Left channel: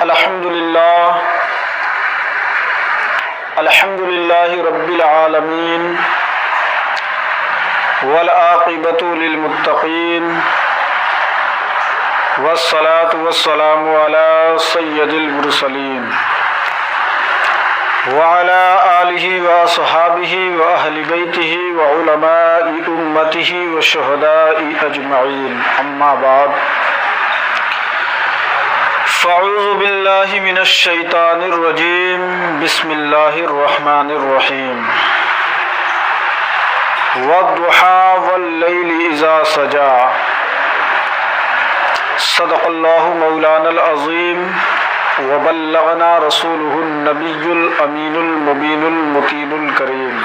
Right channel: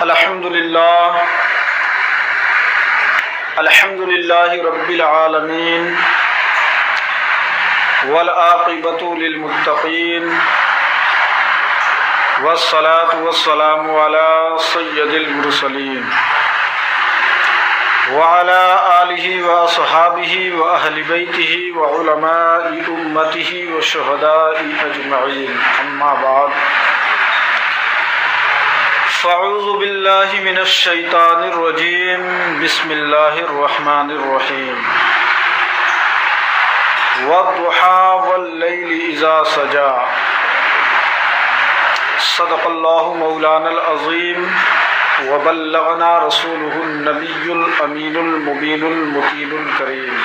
الحمد للہ رب العالمین والعاقبۃ للمتقین والصلاة والسلام علی سید المرسلین وعلى آلہ واصحابہ واہل بیتہ وعلماء امتہ والشہداء اجمعین، اما بعد فاعوذ باللہ من الشیطان الرجیم، بسم اللہ الرحمن الرحیم، والضحیٰ واللیل اذا سجا، صدق اللہ مولانا العظیم وبلغنا رسولہ النبی الامین المبین المطین الکریم،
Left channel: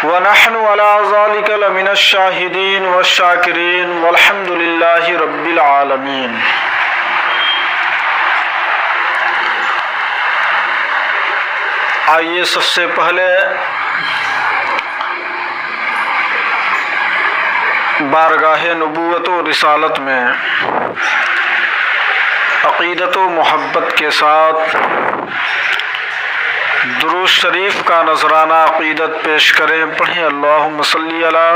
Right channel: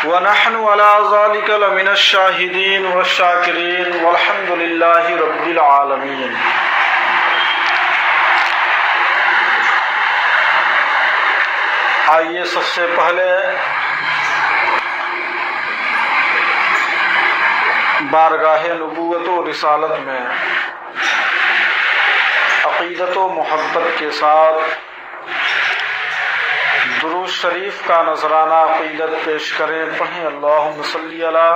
ونحن على ذلك لمن الشاہدین والشاکرین والحمد للہ رب العالمین۔ آئیے سب سے پہلے بارگاہ نبوت و رسالت میں عقیدت و محبت کے ساتھ درود شریف کا نذرانہ عقیدت پیش کریں۔ پڑھیں اللہم صلی علی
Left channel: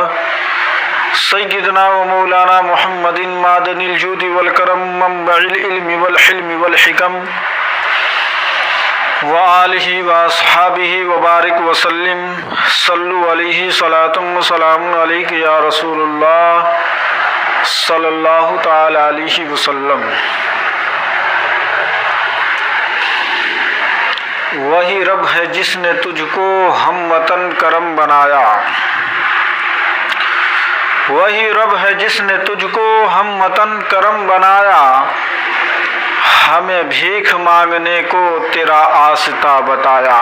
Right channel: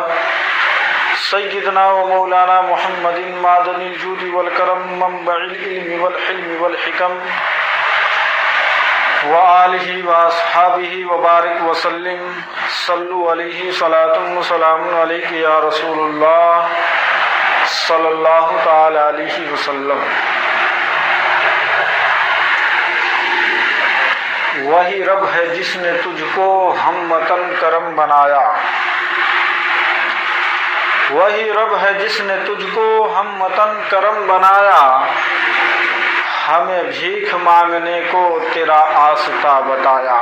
سیدنا و مولانا محمد معدن الجود والکرم منبع العلم والحلم والحکم وآلہ واصحابہ وبارک وسلم، صلو علیہ صلاۃ و سلام علیک یا رسول اللہ صلی اللہ تعالی علیہ وسلم۔ وہی رب ہے جس نے تجھ کو ہم وطن کرم بنایا، وہی رب ہے جس نے تجھ کو ہم وطن کرم بنایا، ہمیں بھیک مانگنے کو تیرا آستہ بتایا،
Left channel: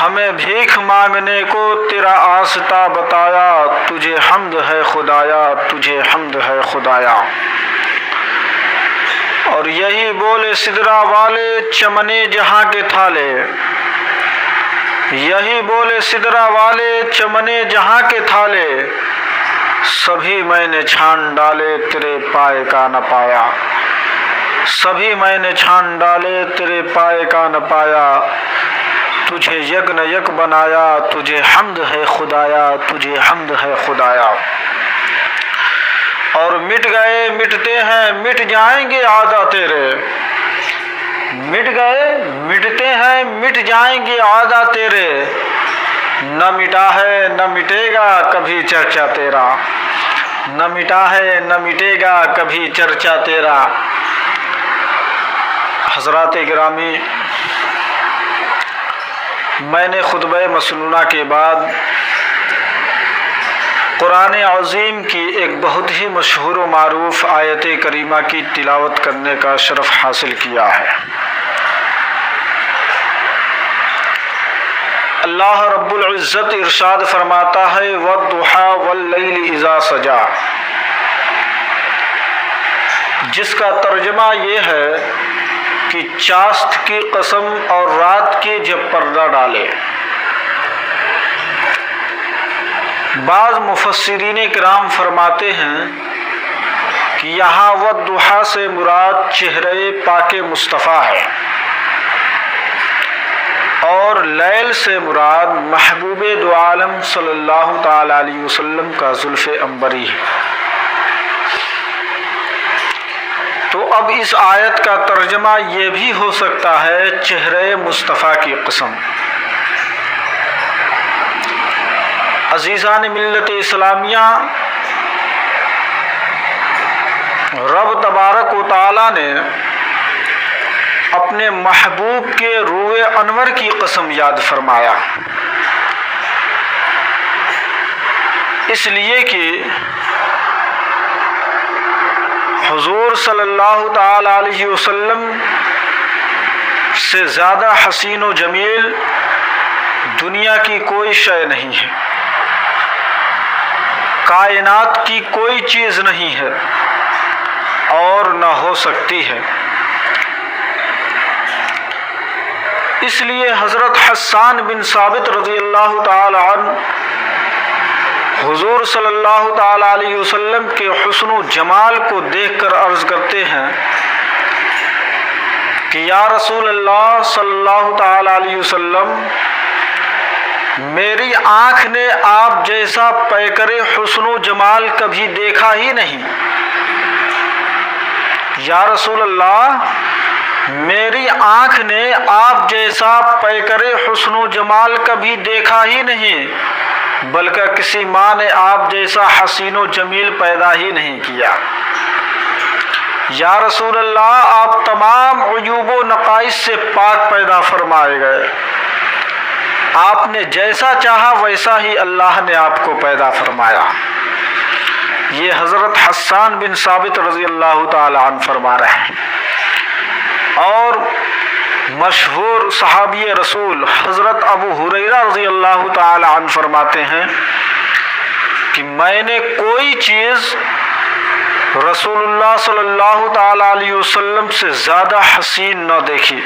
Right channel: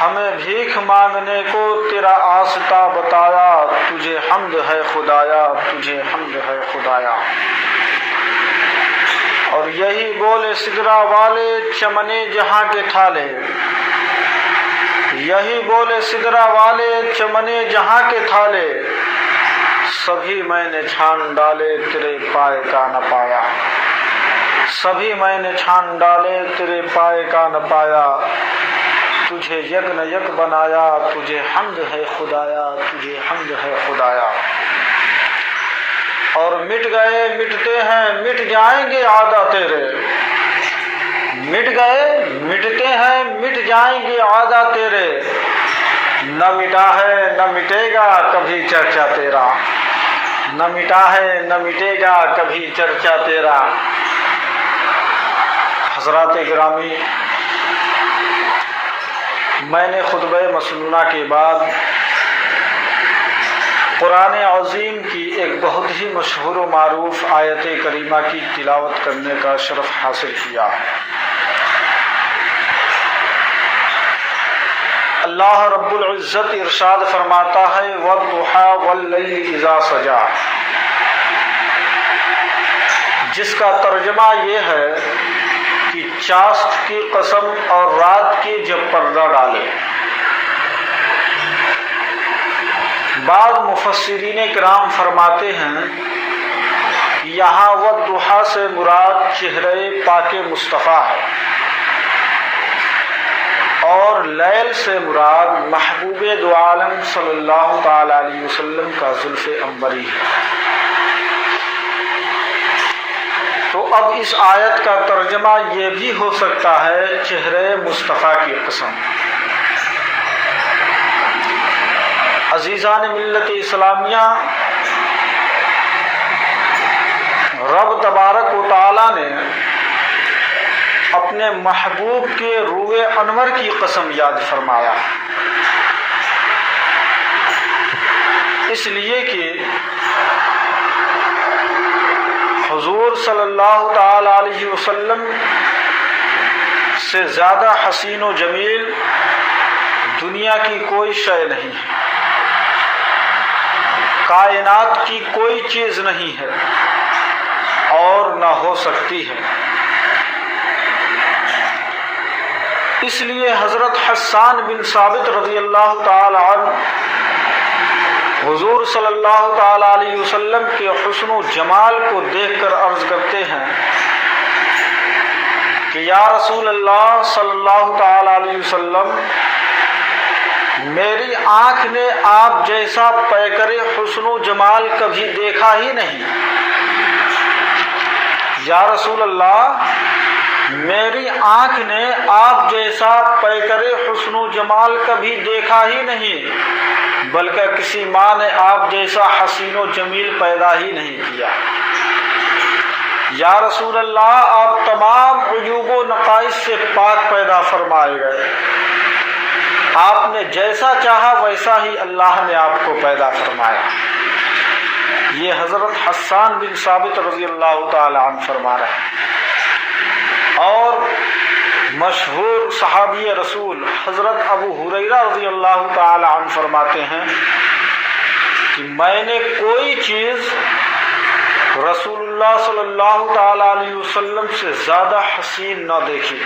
ہمیں بھیک مانگنے کو تیرا آستہ بتایا، تجھے حمد ہے خدایا، تجھے حمد ہے خدایا۔ اور یہی بولے سدرا والے چمنے جہاں کے تھالے، یہی بولے سدرا والے چمنے جہاں کے تھالے، سبھی میں نے چھان ڈالے تیرے پائے کا نہ پایا، سبھی میں نے چھان ڈالے تیرے پائے کا نہ پایا، تجھے یک نہ یک بنایا، تجھے حمد ہے خدایا، تجھے حمد ہے خدایا۔ اور مٹ گئے مٹتے ہیں مٹ جائیں گے عادہ تیرے، مٹ گئے مٹتے ہیں مٹ جائیں گے عادہ تیرے، نہ مٹا ہے نہ مٹے گا کبھی چرچا تیرا، نہ مٹا ہے نہ مٹے گا کبھی چرچا تیرا۔ حضرات گرامی، میں نے خطبہ مسنونہ کے بعد قرآن عظیم کی ایک بہت ہی مشہور و معروف آیت کریمہ کی تلاوت کرنے کا شرف حاصل کیا ہے۔ اللہ رب العزت ارشاد فرماتا ہے والضحیٰ واللیل اذا سجا، جس کا ترجمہ یہ ہے کہ چاست کی قسم اور رات کی جب پردہ ڈالے۔ بعض مفسرین کرام فرماتے ہیں کہ یہاں والضحیٰ سے مراد چہرے پاک مصطفیٰ ہے، اور لیل سے مراد محبوب دو عالم صلی اللہ تعالی علیہ وسلم کا زلف عنبری ہے۔ تو اب اس آیت کا ترجمہ یہ بھی ہو سکتا ہے چہرے مصطفیٰ کی قسم۔ عزیزان ملت اسلامیہ، رب تبارک و تعالی نے اپنے محبوب کے روئے انور کی قسم یاد فرمایا، اس لیے کہ حضور صلی اللہ تعالی علیہ وسلم سے زیادہ حسین و جمیل دنیا کی کوئی شے نہیں ہے، کائنات کی کوئی چیز نہیں ہے اور نہ ہو سکتی ہے۔ اس لیے حضرت حسان بن ثابت رضی اللہ تعالی عنہ حضور صلی اللہ تعالی علیہ وسلم کے حسن و جمال کو دیکھ کر عرض کرتے ہیں کہ یا رسول اللہ صلی اللہ تعالی علیہ وسلم، میری آنکھ نے آپ جیسا پیکر حسن و جمال کبھی دیکھا ہی نہیں۔ یا رسول اللہ، میری آنکھ نے آپ جیسا پیکر حسن و جمال کبھی دیکھا ہی نہیں، بلکہ کسی ماں نے آپ جیسا حسین و جمیل پیدا ہی نہیں کیا۔ یا رسول اللہ، آپ تمام عیوب و نقائص سے پاک پیدا فرمائے گئے، آپ نے جیسا چاہا ویسا ہی اللہ نے آپ کو پیدا فرمایا۔ یہ حضرت حسان بن ثابت رضی اللہ تعالی عنہ فرما رہے ہیں۔ اور مشہور صحابی رسول حضرت ابو ہریرہ رضی اللہ تعالی عنہ فرماتے ہیں کہ میں نے کوئی چیز رسول اللہ صلی اللہ تعالی علیہ وسلم سے زیادہ حسین نہ دیکھی،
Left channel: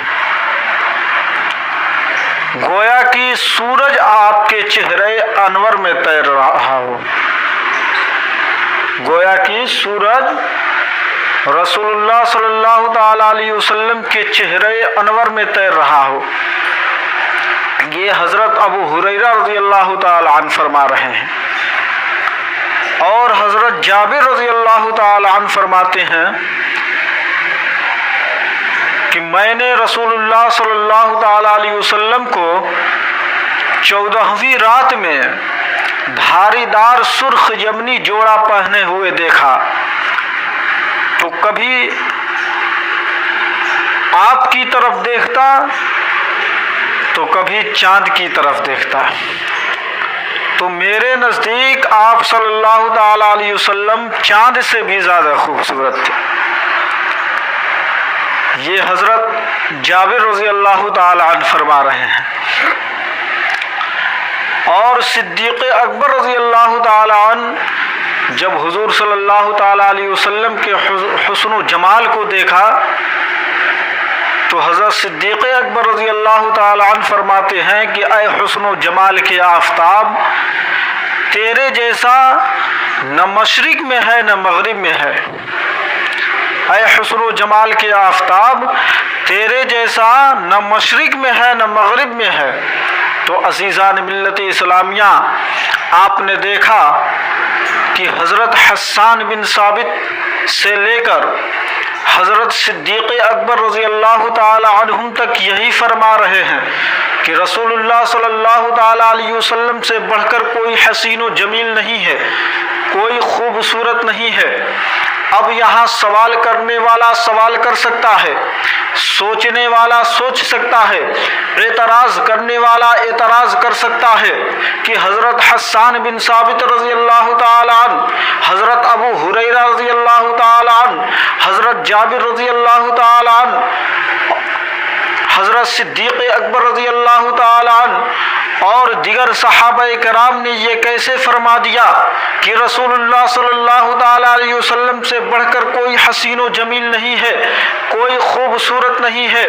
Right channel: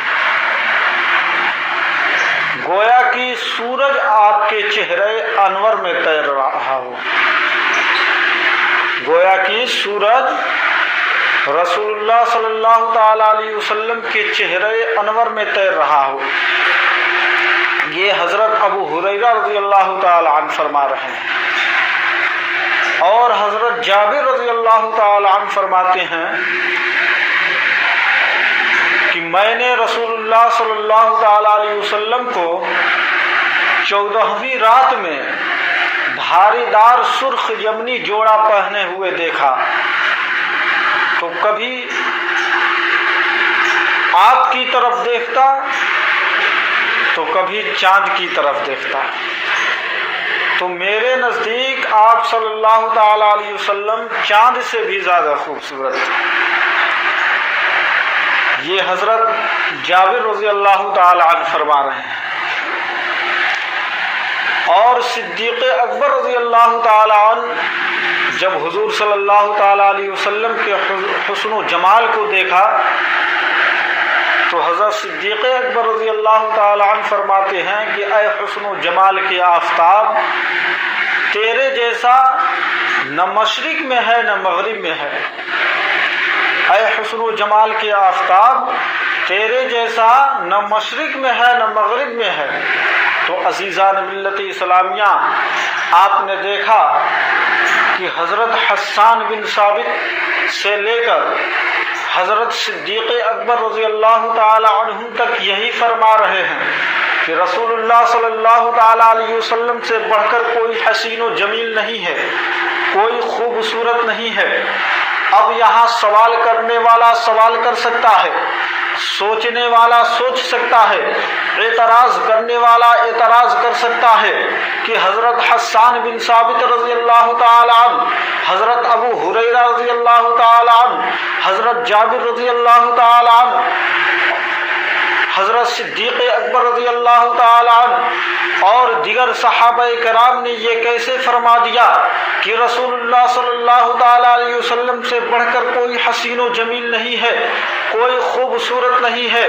گویا کہ سورج آپ کے چہرے انور میں تیر رہا ہو، گویا کہ سورج رسول اللہ صلی اللہ تعالی علیہ وسلم کے چہرے انور میں تیر رہا ہو۔ یہ حضرت ابو ہریرہ رضی اللہ تعالی عنہ فرما رہے ہیں۔ اور حضرت جابر رضی اللہ تعالی عنہ فرماتے ہیں کہ میں نے رسول اللہ صلی اللہ تعالی علیہ وسلم کو 14ویں رات میں دھاری دار سرخ یمنی جوڑا پہنے ہوئے دیکھا، تو کبھی آپ کی طرف دیکھتا تو کبھی چاند کی طرف دیکھتا، تو میرے نزدیک آپ صلی اللہ تعالی علیہ وسلم چاند سے بھی زیادہ خوبصورت تھے۔ یہ حضرت جابر رضی اللہ تعالی عنہ فرما رہے ہیں۔ اور صدیق اکبر رضی اللہ تعالی عنہ جب حضور صلی اللہ تعالی علیہ وسلم کے حسن و جمال کو دیکھا تو حضرت صدیق اکبر رضی اللہ تعالی عنہ فرماتے ہیں کہ اے حسن و جمال کے آفتاب، تیرے جیسا نہ مشرق میں ہے نہ مغرب میں ہے۔ اے حسن و جمال کے آفتاب، تیرے جیسا نہ مشرق میں ہے نہ مغرب میں ہے۔ تو عزیزان ملت اسلامیہ، آپ نے دیکھا کہ حضرت حسان بن ثابت سے لے کر حضرت صدیق اکبر رضی اللہ تعالی عنہم تک یہی فرما رہے ہیں کہ رسول اللہ صلی اللہ تعالی علیہ وسلم سے بڑھ کر کوئی حسین و جمیل نہیں ہے، کوئی خوبصورت نہیں ہے۔ اب یہاں سوال کرنے والا سوال کر سکتا ہے، سوچنے والا سوچ سکتا ہے، اعتراض کرنے والا اعتراض کر سکتا ہے کہ حضرت حسان بن ثابت رضی اللہ تعالی عنہ، حضرت ابو ہریرہ رضی اللہ تعالی عنہ، حضرت جابر رضی اللہ تعالی عنہ، حضرت صدیق اکبر رضی اللہ تعالی عنہ اور دیگر صحابہ کرام نے یہ کیسے فرما دیا کہ رسول اللہ صلی اللہ تعالی علیہ وسلم سے بڑھ کر کوئی حسین و جمیل نہیں ہے، کوئی خوبصورت نہیں ہے،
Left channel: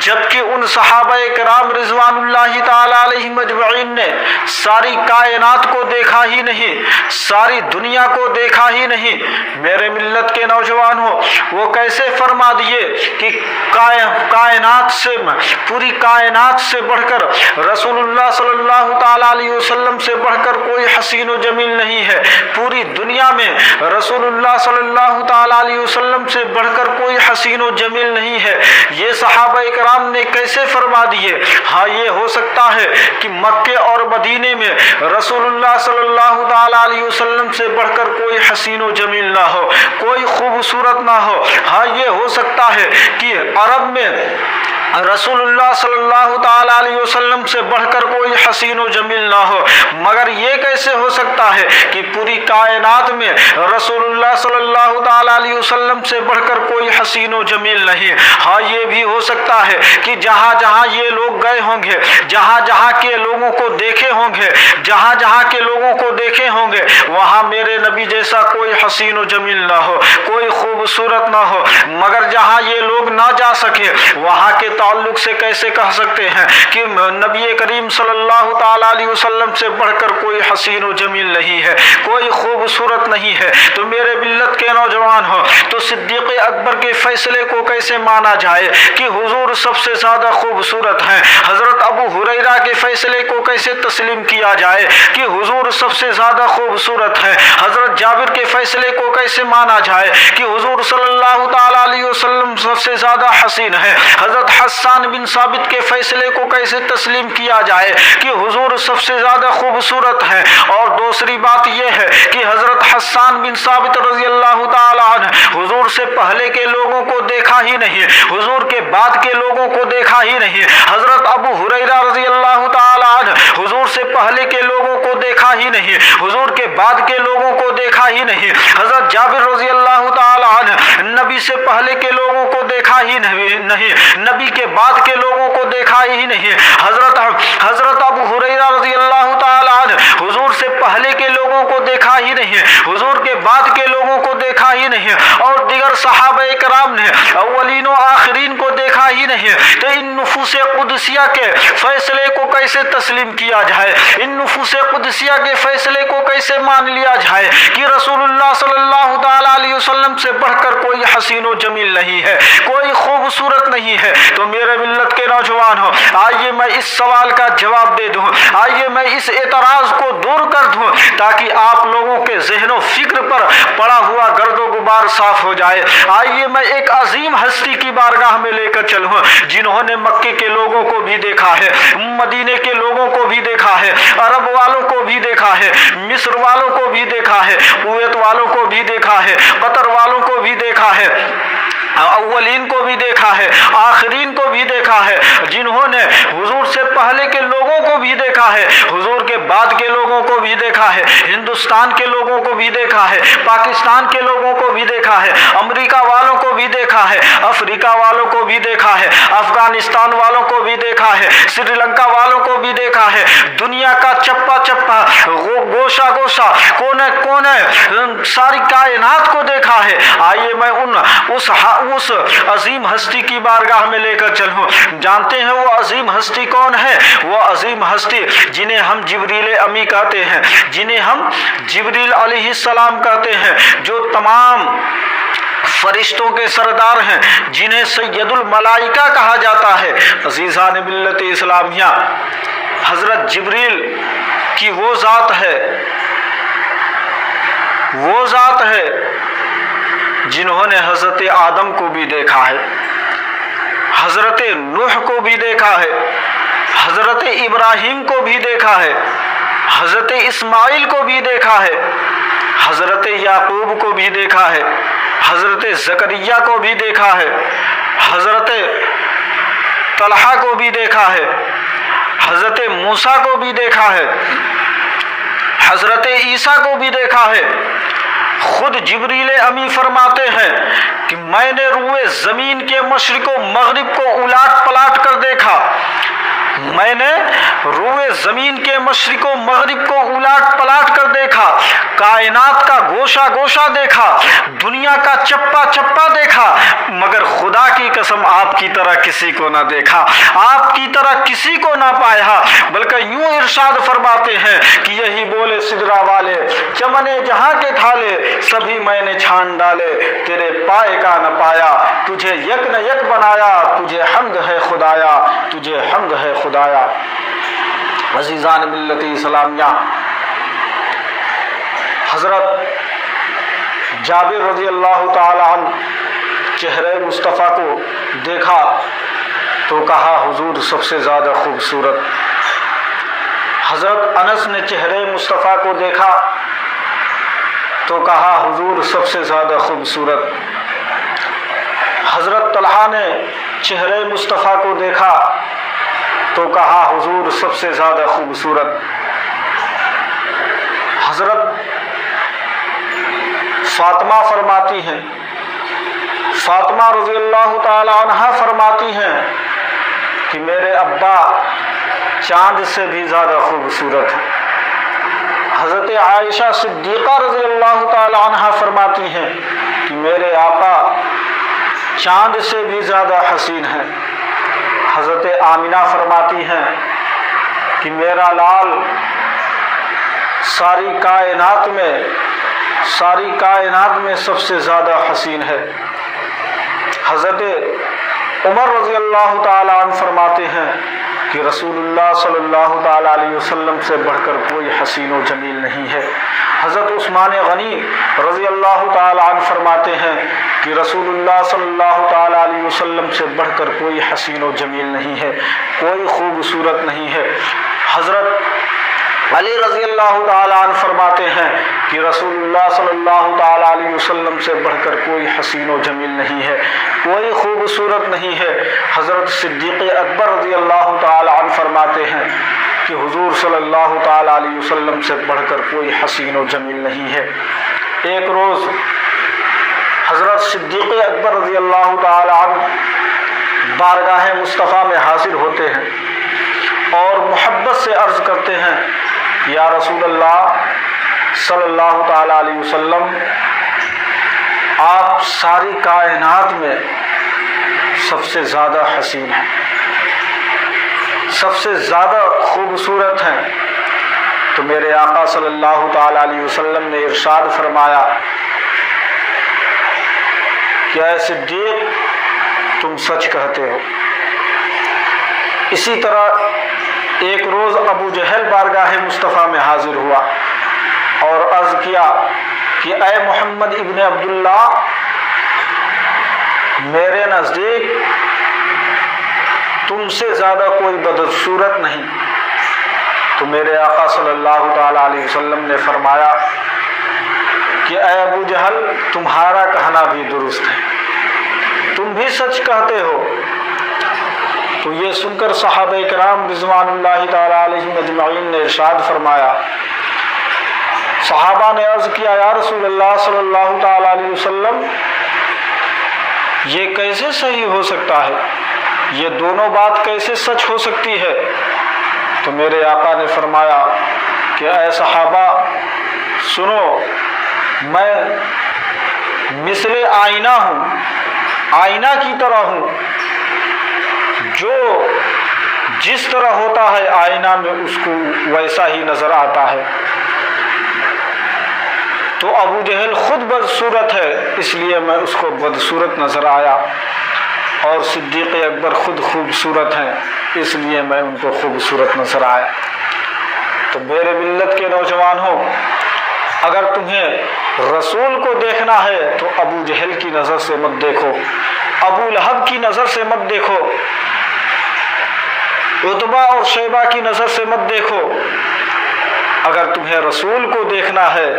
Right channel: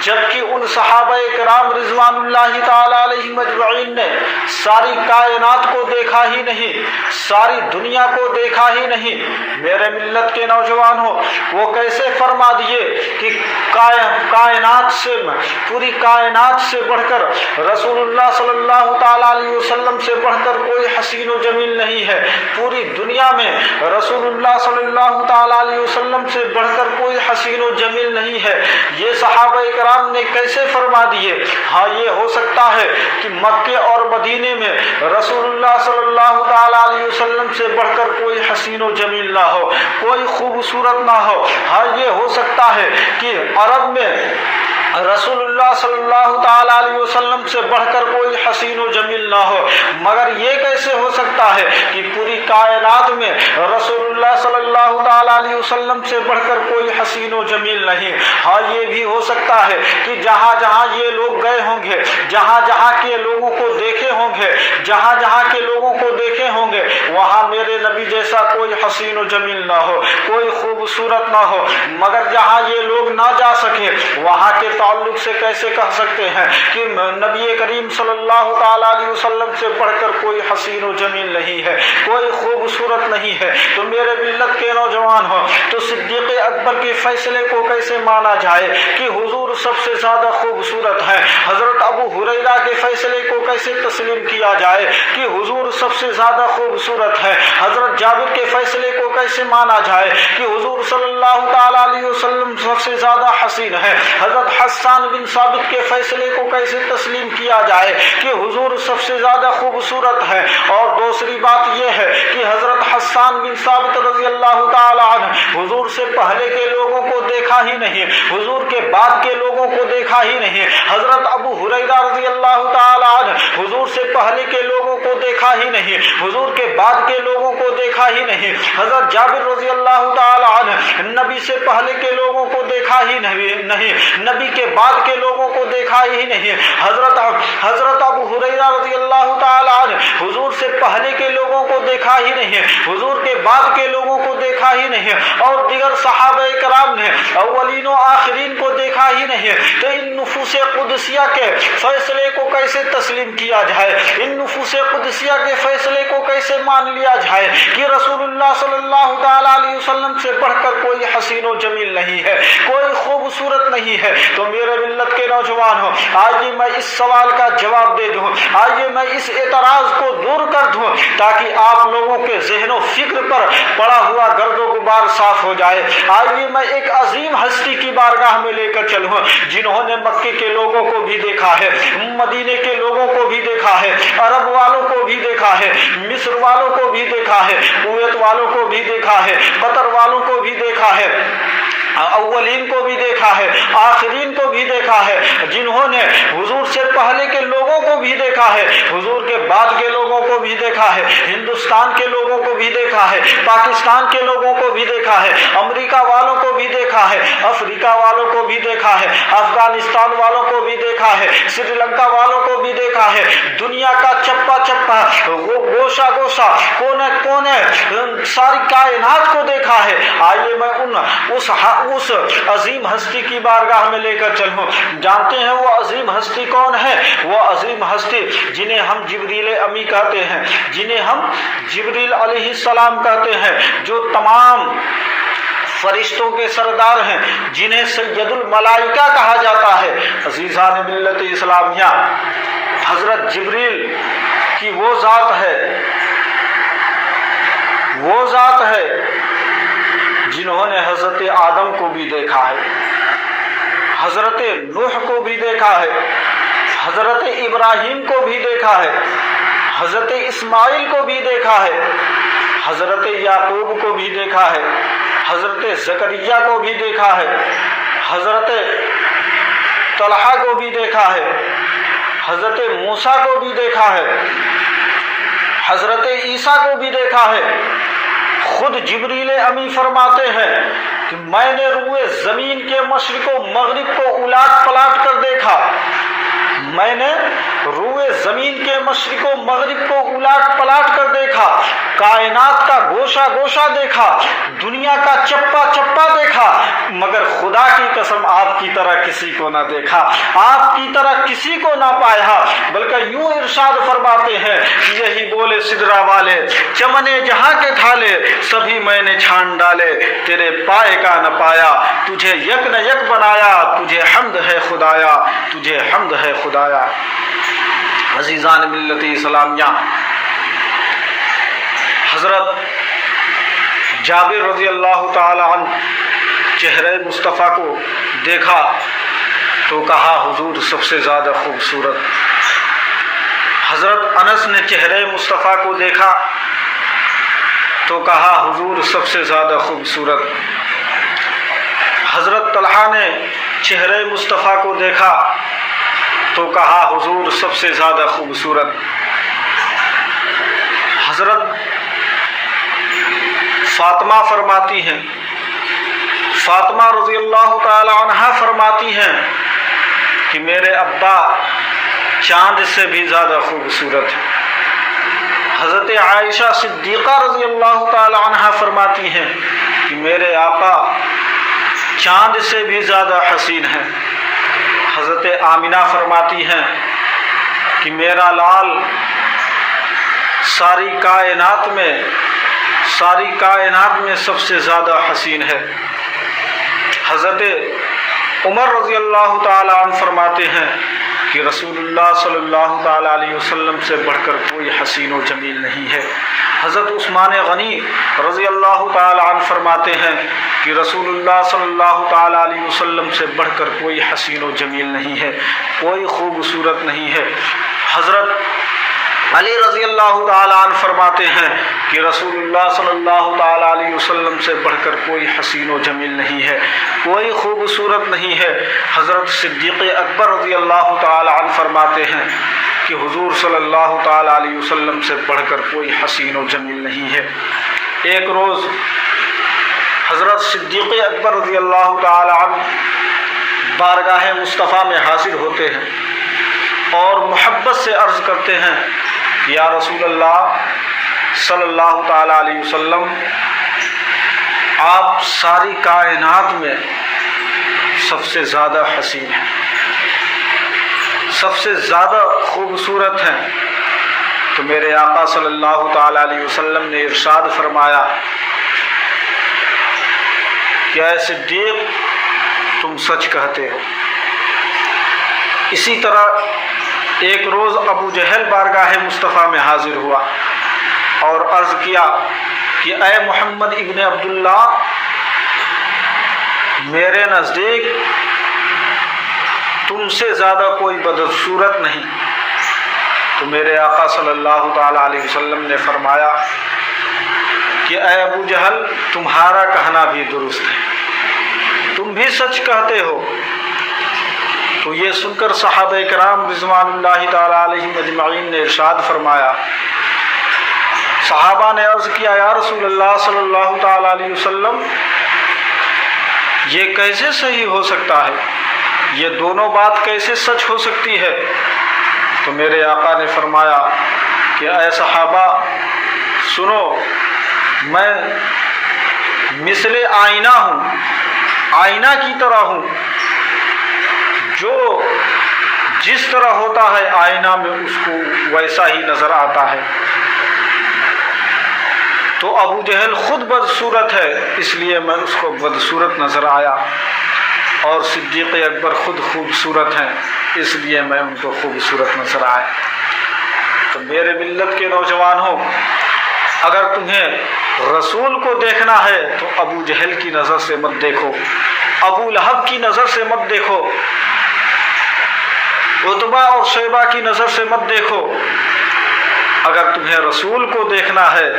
جبکہ ان صحابہ کرام رضوان اللہ تعالی علیہم اجمعین نے ساری کائنات کو دیکھا ہی نہیں، ساری دنیا کو دیکھا ہی نہیں۔ میرے ملت کے نوجوانوں، وہ کیسے فرما دیے کہ کائنات سے، پوری کائنات سے بڑھ کر رسول اللہ صلی اللہ تعالی علیہ وسلم سے بڑھ کر کوئی حسین و جمیل نہیں ہے، پوری دنیا میں رسول اللہ صلی اللہ تعالی علیہ وسلم سے بڑھ کر کوئی حسین و جمیل نہیں ہے، یہ صحابہ کرام نے کیسے فرما دیے؟ ہاں، یہ ہو سکتا ہے کہ مکے اور مدینے میں رسول اللہ صلی اللہ تعالی علیہ وسلم سے بڑھ کر کوئی حسین و جمیل نہ ہو، کوئی خوبصورت نہ ہو۔ ہاں، یہ ہو سکتا ہے کہ عرب میں رسول اللہ صلی اللہ تعالی علیہ وسلم سے بڑھ کر کوئی حسین و جمیل نہ ہو، مگر یہ کیسے ہو سکتا ہے کہ پوری کائنات میں رسول اللہ صلی اللہ تعالی علیہ وسلم سے بڑھ کر کوئی حسین و جمیل نہیں؟ ہاں، یہ بھی ہو سکتا ہے کہ جہاں جہاں یہ لوگ گئے ہوں گے، جہاں جہاں کے لوگوں کو دیکھے ہوں گے، جہاں جہاں کے لوگوں کو دیکھے ہوں گے، وہاں میرے نبی جیسا کوئی حسین و جمیل نہ ہو، کوئی خوبصورت نہ ہو، مگر جہاں یہ لوگ نہ جا سکے وہاں کے تعلق سے کیسے کہہ سکتے ہیں کہ نبی کریم صلی اللہ تعالیٰ علیہ وسلم سے بڑھ کر کوئی حسین و جمیل نہیں ہے، کوئی خوبصورت نہیں ہے؟ تو میرے ملت کے نوجوان ہو، تو صدیق اکبر کے فیصلے کو کیسے مانا جائے کہ حضور سب سے زیادہ خوبصورت ہیں؟ حضرت ابو ہریرہ کے فیصلے کو کیسے تسلیم کیا جائے کہ حضور سب سے زیادہ خوبصورت ہے؟ حضرت جابر کے فیصلے کو کیسے مانا جائے کہ حضور صلی اللہ تعالیٰ علیہ وسلم سب سے زیادہ حسین ہے؟ حضرت حسان بن ثابت کے فیصلے کو کیسے تسلیم کیا جائے کہ حضور سب سے زیادہ خوبصورت ہے؟ اور دوسری بات یہ ہے کہ حضرت حسان بن ثابت رضی اللہ تعالیٰ عنہ حضور سے پہلے کے لوگوں کو دیکھا ہی نہیں، حضور کے بعد کے لوگوں کو دیکھا ہی نہیں۔ حضرت ابو ہریرہ رضی اللہ تعالیٰ عنہ حضور سے پہلے کے لوگوں کو دیکھا ہی نہیں، حضور کے بعد کے لوگوں کو دیکھا ہی نہیں۔ حضرت جابر رضی اللہ تعالیٰ عنہ نبی سے پہلے کے لوگوں کو دیکھا ہی نہیں، نبی کے بعد کے لوگوں کو دیکھا ہی نہیں۔ حضرت ابو ہریرہ رضی اللہ تعالیٰ عنہ حضور سے پہلے کے لوگوں کو دیکھا ہی نہیں، حضور کے بعد کے لوگوں کو دیکھا ہی نہیں، اور دیگر صحابہ کرام نے اولین و آخرین کو دیکھا ہی نہیں۔ تو ان نفوس قدسیہ کے فیصلے کو کیسے تسلیم کیا جائے؟ ان نفوس قدسیہ کے فیصلے کو کیسے مان لیا جائے کہ رسول اللہ صلی اللہ تعالیٰ علیہ وسلم سے بڑھ کر کوئی حسین و جمیل نہیں ہے، کوئی خوبصورت نہیں ہے؟ تو میرے ملت کے نوجوان ہو، آئیے میں اس سوال کا جواب دے دوں، آئیے میں اس اعتراض کو دور کر دوں تاکہ آپ لوگوں کے ذہن و فکر پر پڑا ہوا گرد و غبار صاف ہو جائے۔ آئیے میں ایک عظیم ہستی کی بارگاہ میں لے کر چلوں جنہوں نے مکے کے لوگوں کو بھی دیکھا ہے، مدینے کے لوگوں کو بھی دیکھا ہے، عرب والوں کو بھی دیکھا ہے، مصر والوں کو بھی دیکھا ہے، کویت والوں کو بھی دیکھا ہے، قطر والوں کو بھی دیکھا ہے، اولین کو بھی دیکھا ہے، آخرین کو بھی دیکھا ہے، جنہوں نے حضور سے پہلے کے لوگوں کو بھی دیکھا ہے، حضور کے بعد کے لوگوں کو بھی دیکھا ہے، ہندوستان کے لوگوں کو بھی دیکھا ہے، پاکستان کے لوگوں کو بھی دیکھا ہے، امریکہ والوں کو بھی دیکھا ہے، افریقہ والوں کو بھی دیکھا ہے، افغانستان والوں کو بھی دیکھا ہے، سری لنکا والوں کو بھی دیکھا ہے، دنیا کا چپا چپا، گوشہ گوشہ، کونے کونے، ساری کائنات کو دیکھا ہے۔ آئیے میں اس عظیم ہستی کی بارگاہ میں لے کر چلوں۔ جانتے ہیں وہ عظیم ہستی کون ہے؟ وہ عظیم ہستی جنہیں ہم جبریل امی کہتے ہیں، جنہیں ہم جبریل علیہ السلام کہتے ہیں، جو تمام فرشتوں کے سردار ہیں، جنہیں سید الملائکہ کہا جاتا ہے۔ عزیزان ملت اسلامیہ، حضرت جبریل کی وہ ذات ہے جنہوں نے حضرت آدم کو بھی دیکھا ہے، حضرت نوح کو بھی دیکھا ہے، حضرت ابراہیم کو بھی دیکھا ہے، حضرت اسماعیل کو بھی دیکھا ہے، حضرت یعقوب کو بھی دیکھا ہے، حضرت زکریا کو بھی دیکھا ہے، حضرت طلحہ کو بھی دیکھا ہے، حضرت موسیٰ کو بھی دیکھا ہے، حضرت عیسیٰ کو بھی دیکھا ہے۔ خود جبریل امی فرماتے ہیں کہ میں نے روئے زمین کے مشرق و مغرب کو الٹ پلٹ کر دیکھا، میں نے روئے زمین کے مشرق و مغرب کو الٹ پلٹ کر دیکھا، کائنات کا گوشہ گوشہ دیکھا، دنیا کا چپا چپا دیکھا، مگر خدا کی قسم آپ کی طرح کسی کو نہ دیکھا، آپ کی طرح کسی کو نہ پایا۔ بلکہ یوں ارشاد فرماتے ہیں کہ یہی بولے سدرا والے، چمنے جہاں کے تھالے، سبھی میں نے چھان ڈالے، تیرے پائے کا نہ پایا، تجھے یک نہ یک بنایا، تجھے حمد ہے خدایا، تجھے حمد ہے خدایا۔ عزیزان ملت اسلامیہ، حضرت جابر رضی اللہ تعالی عنہ چہرے مصطفیٰ کو دیکھا تو کہا حضور سب سے زیادہ خوبصورت۔ حضرت انس نے چہرے مصطفیٰ کو دیکھا تو کہا حضور سب سے زیادہ خوبصورت۔ حضرت طلحہ نے چہرے مصطفیٰ کو دیکھا تو کہا حضور سب سے زیادہ خوبصورت۔ حضرت فاطمہ فرماتی ہیں، فاطمہ رضی اللہ تعالی عنہا فرماتی ہیں کہ میرے ابا چاند سے بھی زیادہ خوبصورت ہیں۔ حضرت عائشہ صدیقہ رضی اللہ تعالی عنہا فرماتی ہیں کہ میرے آقا چاند سے بھی زیادہ حسین ہیں۔ حضرت آمنہ فرماتی ہیں کہ میرا لال ساری کائنات میں سب سے زیادہ حسین ہے۔ حضرت عمر رضی اللہ تعالی عنہ فرماتے ہیں کہ رسول اللہ صلی اللہ تعالی علیہ وسلم سے بڑھ کر کوئی حسین و جمیل نہیں ہے۔ حضرت عثمان غنی رضی اللہ تعالی عنہ فرماتے ہیں کہ رسول اللہ صلی اللہ تعالی علیہ وسلم سے بڑھ کر کوئی حسین و جمیل نہیں ہے، کوئی خوبصورت نہیں ہے۔ حضرت علی رضی اللہ تعالی عنہ فرماتے ہیں کہ رسول اللہ صلی اللہ تعالی علیہ وسلم سے بڑھ کر کوئی حسین و جمیل نہیں ہے، کوئی خوبصورت نہیں ہے۔ حضرت صدیق اکبر رضی اللہ تعالی عنہ فرماتے ہیں کہ حضور صلی اللہ تعالی علیہ وسلم سے بڑھ کر کوئی حسین و جمیل نہیں ہے۔ ایک روز حضرت صدیق اکبر رضی اللہ تعالی عنہ بارگاہ مصطفیٰ میں حاضر ہوتے ہیں اور محبت سے عرض کرتے ہیں یا رسول اللہ صلی اللہ تعالی علیہ وسلم، آپ ساری کائنات میں سب سے زیادہ حسین ہیں، سب سے زیادہ خوبصورت ہیں۔ تو میرے آقا صلی اللہ تعالی علیہ وسلم نے ارشاد فرمایا کہ اے صدیق تم سچ کہتے ہو۔ اسی طرح ایک روز ابو جہل بارگاہ مصطفیٰ میں حاضر ہوا اور عرض کیا کہ اے محمد ابن عبداللہ، میرے نزدیک تم سے زیادہ کوئی بدصورت نہیں۔ تو میرے آقا صلی اللہ تعالی علیہ وسلم نے فرمایا کہ اے ابو جہل، تمہارا کہنا بھی درست ہے، تم بھی سچ کہتے ہو۔ تو یہ سن کر صحابہ کرام رضوان اللہ تعالی علیہم اجمعین نے ارشاد فرمایا، صحابہ نے عرض کیا یا رسول اللہ صلی اللہ تعالی علیہ وسلم، یہ کیسے صحیح ہو سکتا ہے، یہ دونوں بات کیسے سچ ہو سکتی ہے؟ تو میرے آقا نے فرمایا کہ اے صحابہ سنو، میں مثل آئینہ ہوں، آئینہ کی طرح ہوں، جو جس طرح ہوتا ہے آئینہ میں اس کو ویسا ہی نظر آتا ہے۔ تو ابو جہل خود بدصورت ہے، اس لیے میں اس کو بدصورت نظر آیا، اور صدیق اکبر خود خوبصورت ہیں، اس لیے میں ان کو خوبصورت نظر آیا۔ تو میرے ملت کے نوجوانوں، اگر تمہیں رسول کو دیکھنا ہے تو ابو جہل کی نظر سے مت دیکھو، ابو لہب کی نظر سے مت دیکھو، عتبہ اور شیبہ کی نظر سے مت دیکھو۔ اگر تمہیں رسول کو دیکھنا ہے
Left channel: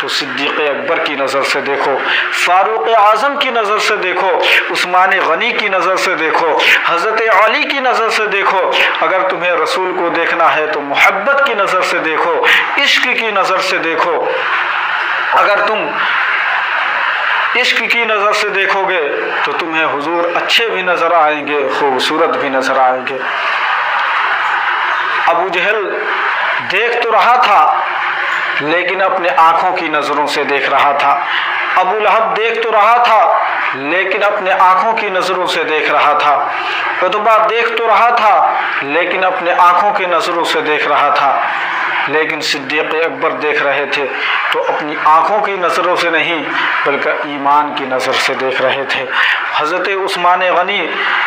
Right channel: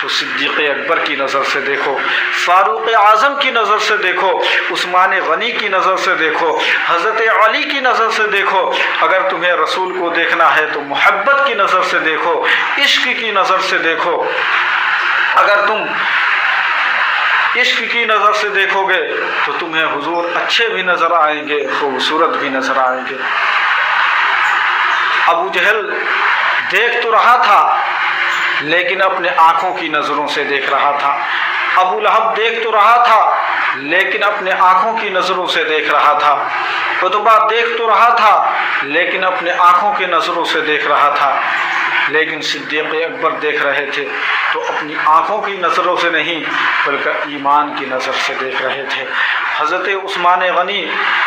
تو صدیق اکبر کی نظر سے دیکھو، فاروق اعظم کی نظر سے دیکھو، عثمان غنی کی نظر سے دیکھو، حضرت علی کی نظر سے دیکھو۔ اگر تمہیں رسول کو دیکھنا ہے تو محبت کی نظر سے دیکھو، عشق کی نظر سے دیکھو۔ اگر تم عشق کی نظر سے دیکھو گے تو تمہیں حضور اچھے بھی نظر آئیں گے، خوبصورت بھی نظر آئیں گے۔ ابو جہل دیکھ تو رہا تھا لیکن اپنے آنکھوں کی نظروں سے دیکھ رہا تھا، ابو لہب دیکھ تو رہا تھا لیکن اپنے آنکھوں کی نظروں سے دیکھ رہا تھا، عتبہ دیکھ تو رہا تھا لیکن اپنے آنکھوں کی نظروں سے دیکھ رہا تھا، لیکن صدیق اکبر دیکھ رہے تھے تو اپنی آنکھوں کی نظروں سے نہیں بلکہ ایمان کی نظر سے دیکھ رہے تھے۔ حضرت عثمان غنی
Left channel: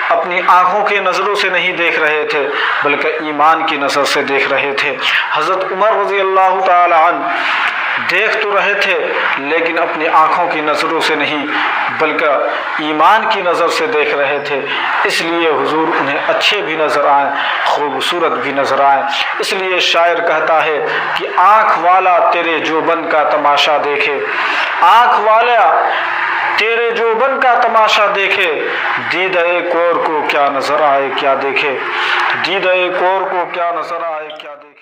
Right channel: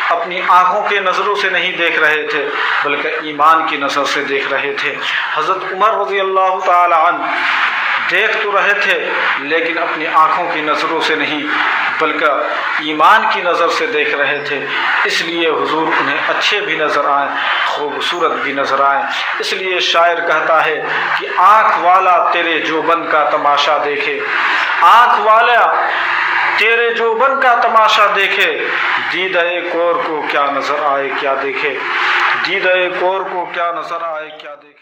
اپنی آنکھوں کی نظروں سے نہیں دیکھ رہے تھے بلکہ ایمان کی نظر سے دیکھ رہے تھے۔ حضرت عمر رضی اللہ تعالی عنہ دیکھ تو رہے تھے لیکن اپنی آنکھوں کی نظروں سے نہیں بلکہ ایمان کی نظر سے دیکھ رہے تھے، اس لیے حضور انہیں اچھے بھی نظر آئیں، خوبصورت بھی نظر آئیں۔ اس لیے شاعر کہتا ہے کہ آنکھ والا تیرے جوبن کا تماشا دیکھے، آنکھ والا تیرے جوبن کا تماشا دیکھے، دیدہ کور کو کیا نظر آئے کیا دیکھے، دیدہ کور کو کیا نظر آئے کیا دیکھے۔